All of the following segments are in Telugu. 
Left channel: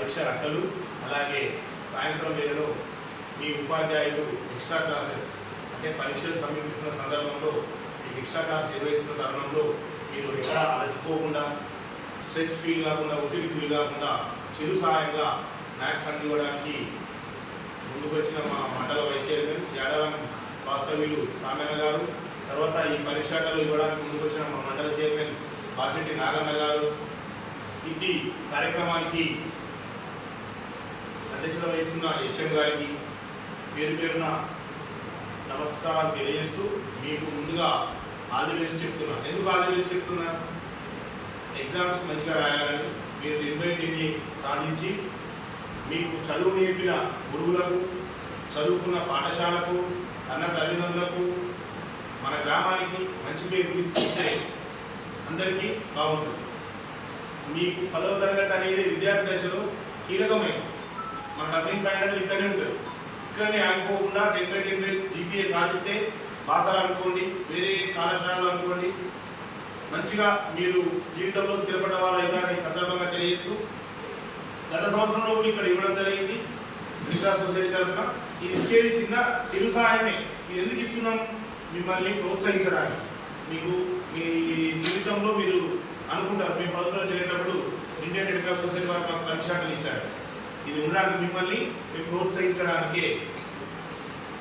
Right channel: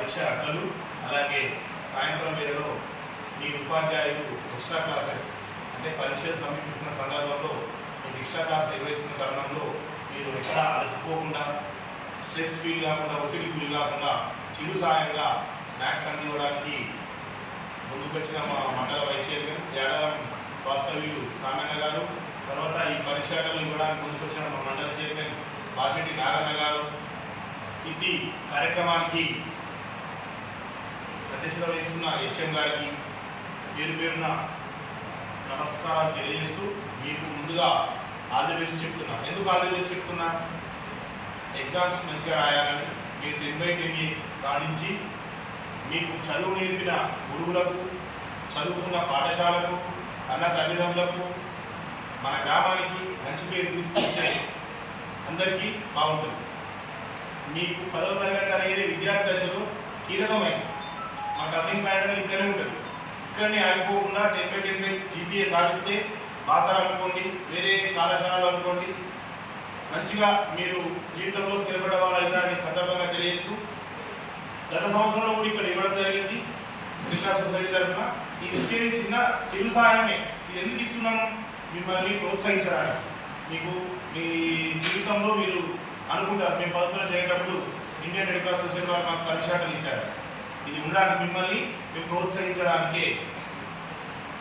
పరీక్ష అక్కలు అలాగే సాయంత్రం వేళలో మీ ఉపాధ్యాయులు ఎక్స్ట్రా క్లాసెస్ అంటే పరీక్షలు సమీపిస్తున్న సందర్భంలో మీకు ఎక్స్ట్రా క్లాస్ నిర్వహిస్తున్న తరుణంలో మీరు ఎక్కడ అలసిపోకుండా స్ట్రెస్ ఫీల్ కాకుండా ఒత్తిడి గురి కాకుండా చిరు సాయంగా స్నాక్స్ అందివ్వడానికి ముందుకొచ్చిన మా మండల వైస్ చైర్మన్ యాడవం వాస్తవ్యులు సామన్న గారు తర్వాత ఈ పరీక్షాటలు ఇవ్వడానికి ముందుకొచ్చిన మా మండల చైర్మన్ బాసెట్టి నాగన్న గారు. ఇది కార్యక్రమానికి అధ్యక్షత వహిస్తున్న హెచ్ఎం గారికి పేరు పేరున నమస్కారాలు తెలియజేస్తూ మీకు ముందుగా ఆల్ ది బెస్ట్ చెప్తున్నా. ఎందుకు ఆల్ ది బెస్ట్ చెప్తున్నా? ఎగ్జామ్స్ మంచిగా రాయాలని మీరు టెన్ సాధించి మీకు చదువు నేర్పిన గురువులకు చదువుకున్న పాఠశాలకు అన్న తల్లిదండ్రులకు మన గ్రామానికి మంచి పేరు తీసుకొస్తే అందరికీ బాగుంటుంది. మీకు పదవ తరగతి అనేది విద్యార్థి దశలో కీలకమైనది. టర్నింగ్ పాయింట్ అనేది ఇక్కడనే ఉంటుంది ఇక్కడనే ఆగిపోకుండా ten by ten by GPA సాధిస్తే బాసర అనుకోండి వేరే కళాశాలలు అనుకోండి మంచిగా మీరు జీవితంలో స్థిరపడ్డ వాళ్ళైతారని సందర్భంగా తెలియజేస్తూ గత సంవత్సరంలో కూడా ఇక్కడ ఇవ్వడం జరిగింది. మిగతా సొసైటీ తరఫున ఇది ఇచ్చేది చిన్న చిరు సహాయమే. ఇది ఎందుకు ఇస్తున్నాము మిమ్మల్ని ప్రోత్సహించడానికి. మీకు మీ జీవితంలో మీరు అనుకుంటారు. మేము పద్ధతిలో చేరేటప్పుడు ఇండియన్ రెడ్ క్రాస్ సొసైటీ వాళ్ళు మాకు పరీక్షలు ఇచ్చారు. ఇది ఉండడానికి మిమ్మల్ని మేము ప్రోత్సహించడానికే.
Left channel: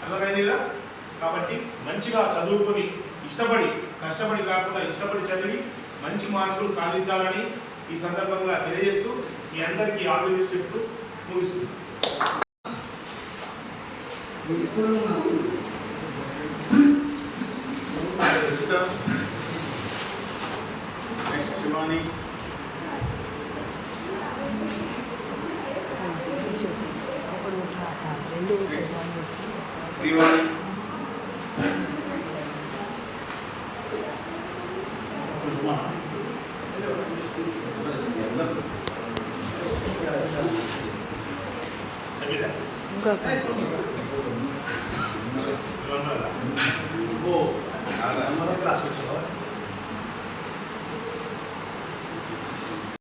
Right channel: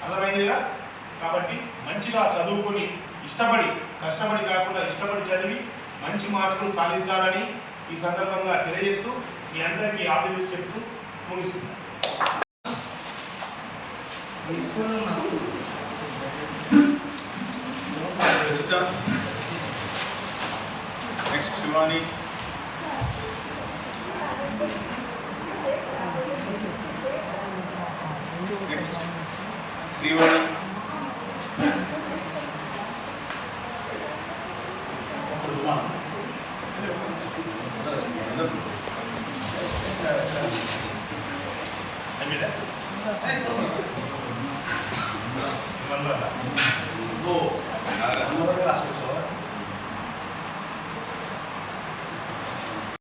అర్థమైంది కదా కాబట్టి మంచిగా చదువుకొని ఇష్టపడి కష్టపడి కాకుండా ఇష్టపడి చదివి మంచి మార్కులు సాధించాలని ఈ సందర్భంగా తెలియజేస్తూ మీ అందరికీ ఆదరించి చెప్తూ ముగిస్తున్నాను. Next Shivani Srimani